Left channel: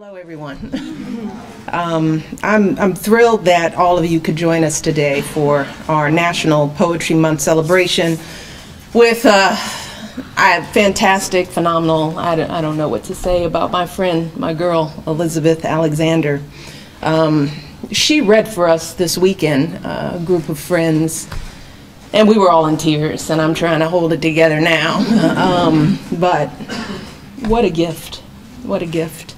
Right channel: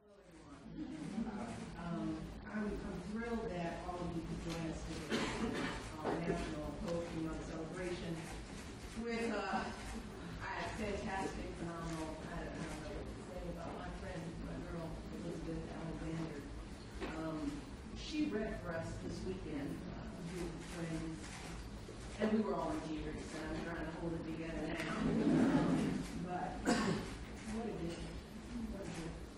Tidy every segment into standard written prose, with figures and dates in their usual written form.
Hello, everyone. I'm thrilled that all of you could join us today for our National Poetry Month celebration with a fantastic, phenomenal, I don't know what to say about my friend, my girl, Elizabeth Alexander. She read for us this weekend, a group of friends, and we were all in tears, and I'm trying to hold it together now. But what a gift, what a gift.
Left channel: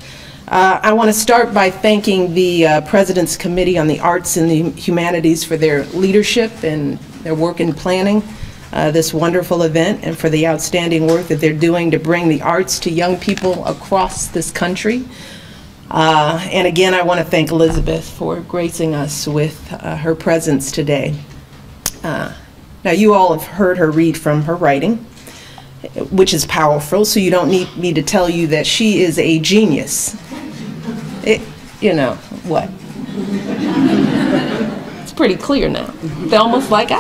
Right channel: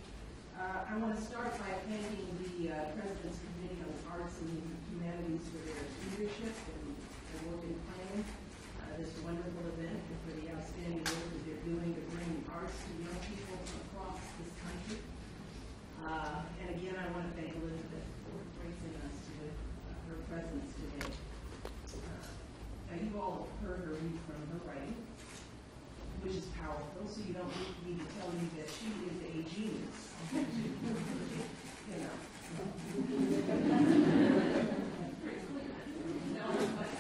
I want to start by thanking the President's Committee on the Arts and the Humanities for their leadership and their work in planning this wonderful event, and for the outstanding work that they're doing to bring the arts to young people across this country. And again, I want to thank Elizabeth for gracing us with her presence today. Now, you all have heard her read from her writing, which is powerful, so you don't need me to tell you that she is a genius. You know, what? It's pretty clear now. They're almost like,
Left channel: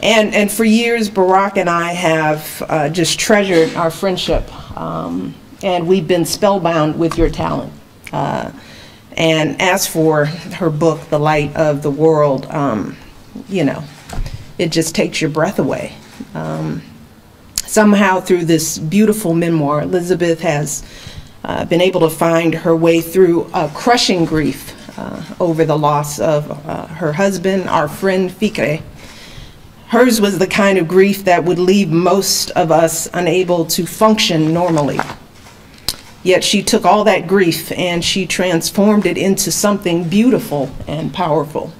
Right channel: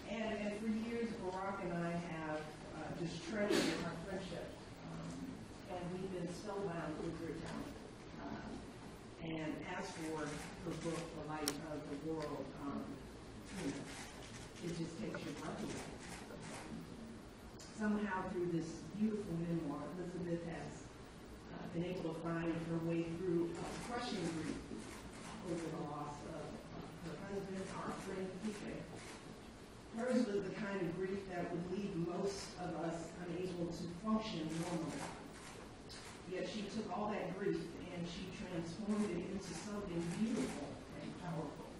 And for years, Barack and I have just treasured our friendship, and we've been spellbound with your talent. And as for her book, The Light of the World, you know, it just takes your breath away. Somehow through this beautiful memoir, Elizabeth has been able to find her way through a crushing grief over the loss of her husband, our friend Fikre. Hers was the kind of grief that would leave most of us unable to function normally. Yet she took all that grief and she transformed it into something beautiful and powerful.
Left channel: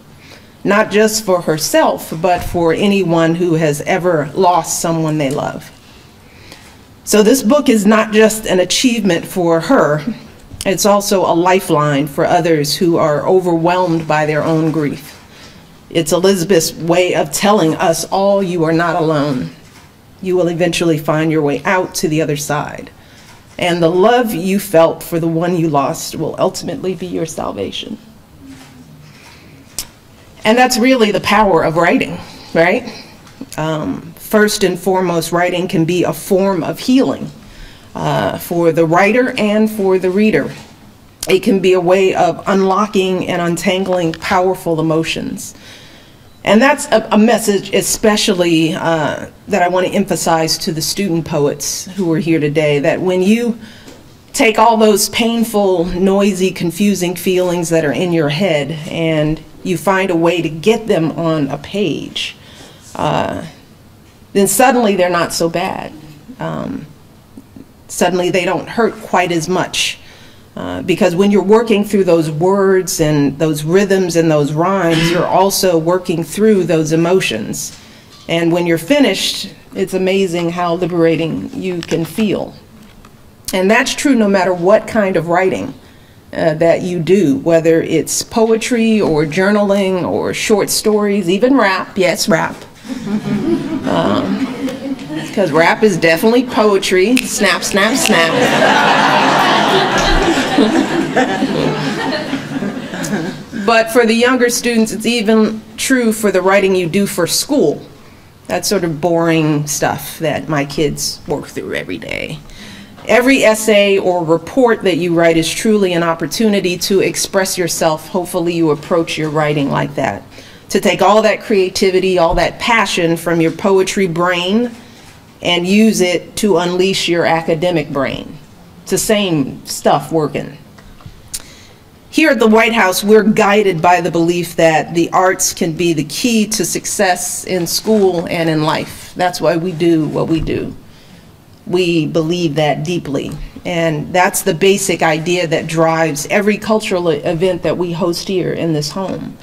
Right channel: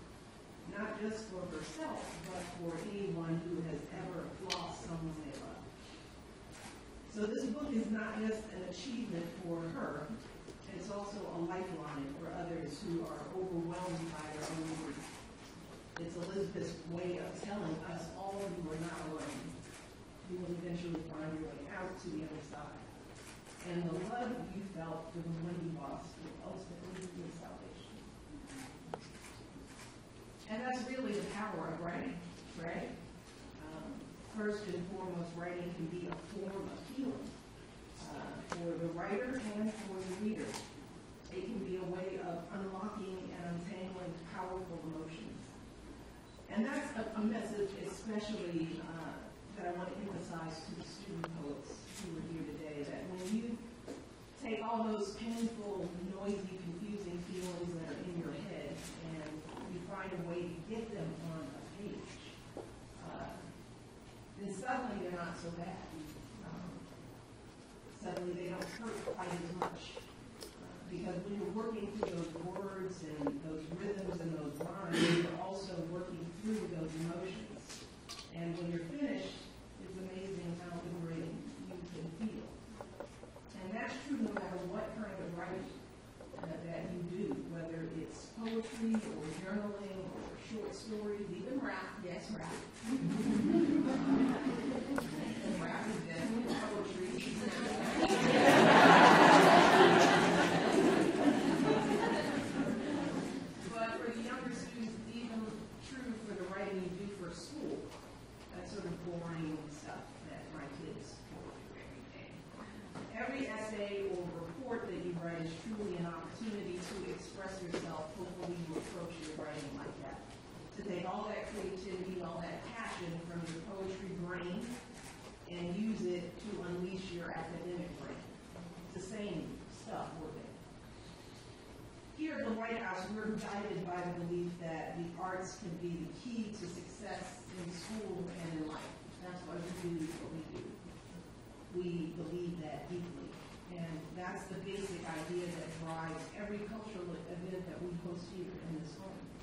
Not just for herself, but for anyone who has ever lost someone they love. So this book is not just an achievement for her, it's also a lifeline for others who are overwhelmed by their own grief. It's Elizabeth's way of telling us all, you are not alone. You will eventually find your way out to the other side. And the love you felt for the one you lost will ultimately be your salvation. And that's really the power of writing, right? First and foremost, writing can be a form of healing for the writer and for the reader. It can be a way of unlocking and untangling powerful emotions. And that's a message especially that I want to emphasize to the student poets who are here today, that when you take all those painful, noisy, confusing feelings that are in your head and you find a way to get them on a page, then suddenly they're not so bad. Suddenly they don't hurt quite as much. Because when you're working through those words and those rhythms and those rhymes, you're also working through those emotions. And when you're finished, it's amazing how liberating you can feel. And that's true no matter what kind of writing that you do, whether it's poetry or journaling or short stories, even rap. Yes, rap. Because rap is definitely poetry. Snap, snap, snap. But for the younger students, it's even true for the writing you do for school. That sort of boring stuff that my kids work through every day. Every essay or report that you write is truly an opportunity to express yourself. Hopefully you approach your writing like that. To take all that creativity, all that passion from your poetry brain and use it to unleash your academic brain. It's the same stuff working. Here at the White House, we're guided by the belief that the arts can be the key to success in school and in life. That's why we do what we do. We believe that deeply. And that's the basic idea that drives every cultural event that we host here in this home.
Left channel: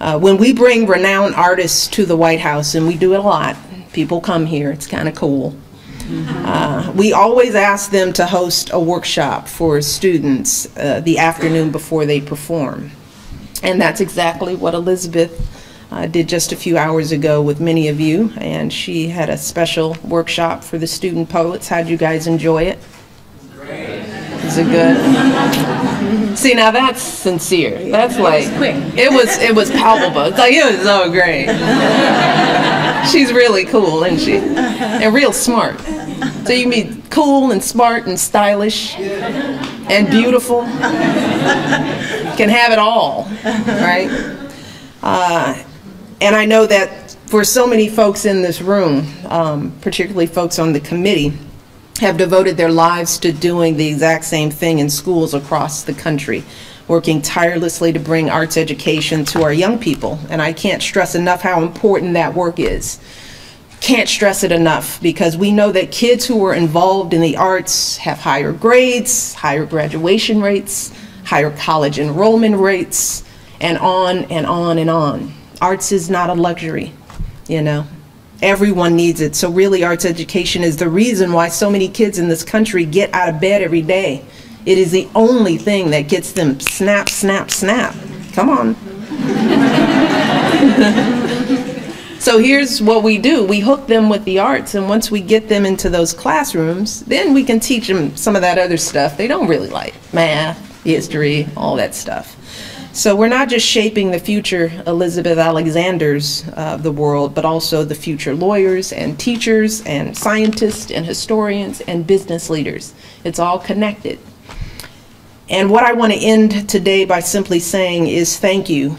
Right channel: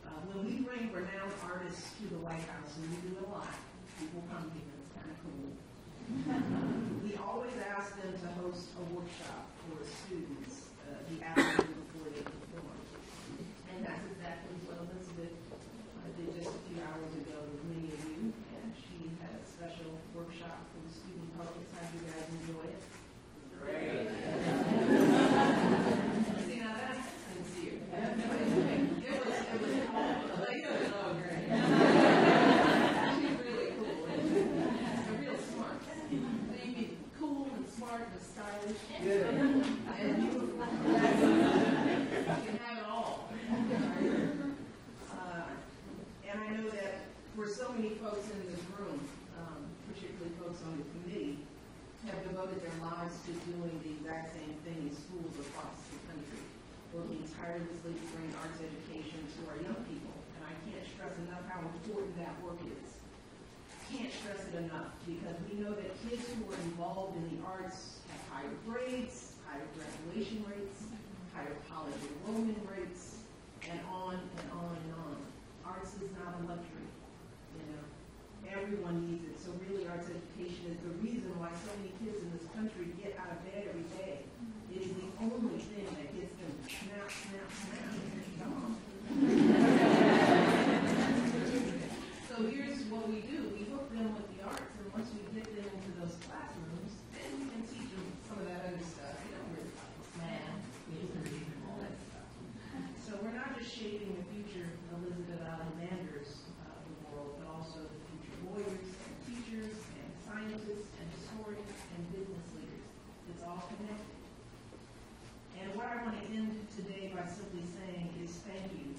When we bring renowned artists to the White House, and we do it a lot, people come here, it's kind of cool. We always ask them to host a workshop for students the afternoon before they perform. And that's exactly what Elizabeth did just a few hours ago with many of you, and she had a special workshop for the student poets. How'd you guys enjoy it? Great. Is it good? See, now that's sincere. That's like, it was palpable. It's like, it was so great. She's really cool, isn't she? And real smart. So you can be cool and smart and stylish and beautiful. Can have it all, right? And I know that for so many folks in this room, particularly folks on the committee, have devoted their lives to doing the exact same thing in schools across the country, working tirelessly to bring arts education to our young people. And I can't stress enough how important that work is. Can't stress it enough, because we know that kids who are involved in the arts have higher grades, higher graduation rates, higher college enrollment rates, and on and on and on. Arts is not a luxury, you know. Everyone needs it. So really, arts education is the reason why so many kids in this country get out of bed every day. It is the only thing that gets them snap, snap, snap. Come on. So here's what we do. We hook them with the arts, and once we get them into those classrooms, then we can teach them some of that other stuff they don't really like. Math, history, all that stuff. So we're not just shaping the future Elizabeth Alexanders of the world, but also the future lawyers and teachers and scientists and historians and business leaders. It's all connected. And what I want to end today by simply saying is thank you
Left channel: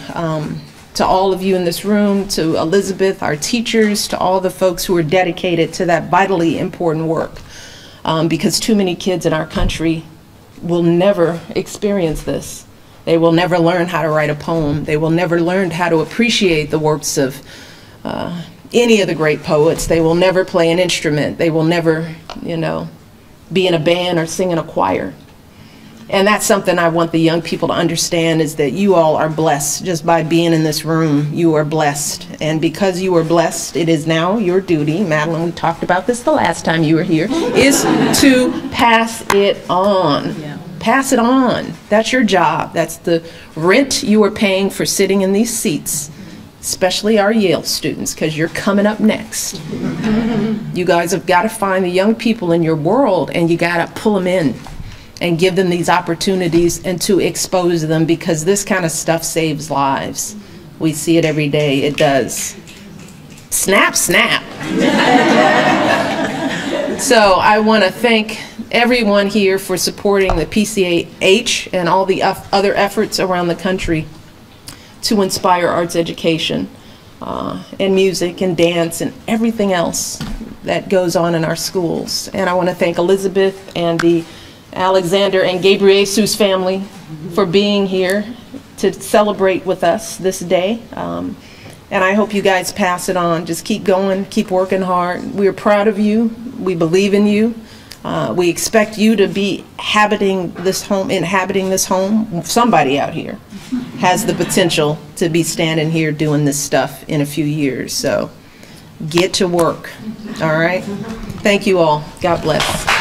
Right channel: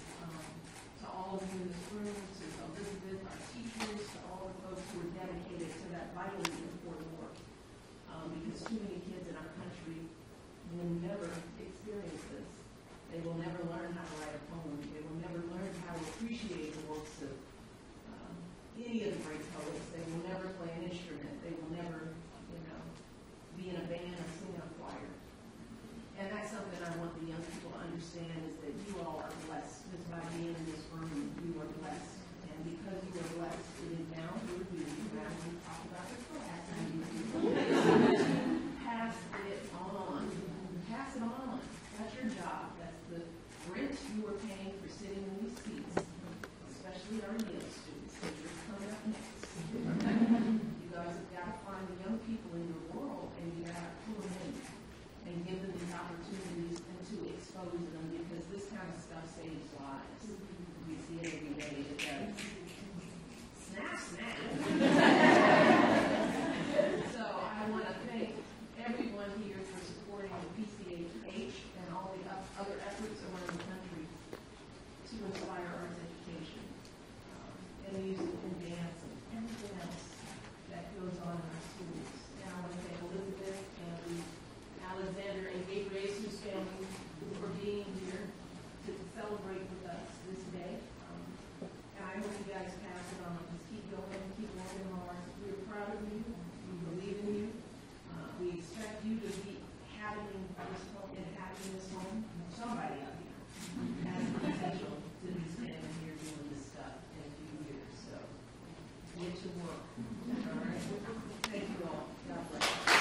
to all of you in this room, to Elizabeth, our teachers, to all the folks who are dedicated to that vitally important work, because too many kids in our country will never experience this. They will never learn how to write a poem. They will never learn how to appreciate the works of any of the great poets. They will never play an instrument. They will never, you know, be in a band or sing in a choir. And that's something I want the young people to understand, is that you all are blessed just by being in this room. You are blessed. And because you are blessed, it is now your duty, Madeline, we talked about this the last time you were here, is to pass it on. Yeah. Pass it on. That's your job. That's the rent you are paying for sitting in these seats, especially our Yale students, because you're coming up next. You guys have got to find the young people in your world, and you got to pull them in and give them these opportunities and to expose them, because this kind of stuff saves lives. We see it every day. It does. Snap, snap. So I want to thank everyone here for supporting the PCAH and all the other efforts around the country to inspire arts education and music and dance and everything else that goes on in our schools. And I want to thank Elizabeth and the Alexander and Gabriesus family for being here to celebrate with us this day. And I hope you guys pass it on. Just keep going, keep working hard. We're proud of you. We believe in you. We expect you to be inhabiting this home. Somebody out here has the potential to be standing here doing this stuff in a few years. So get to work, all right? Thank you all. God bless.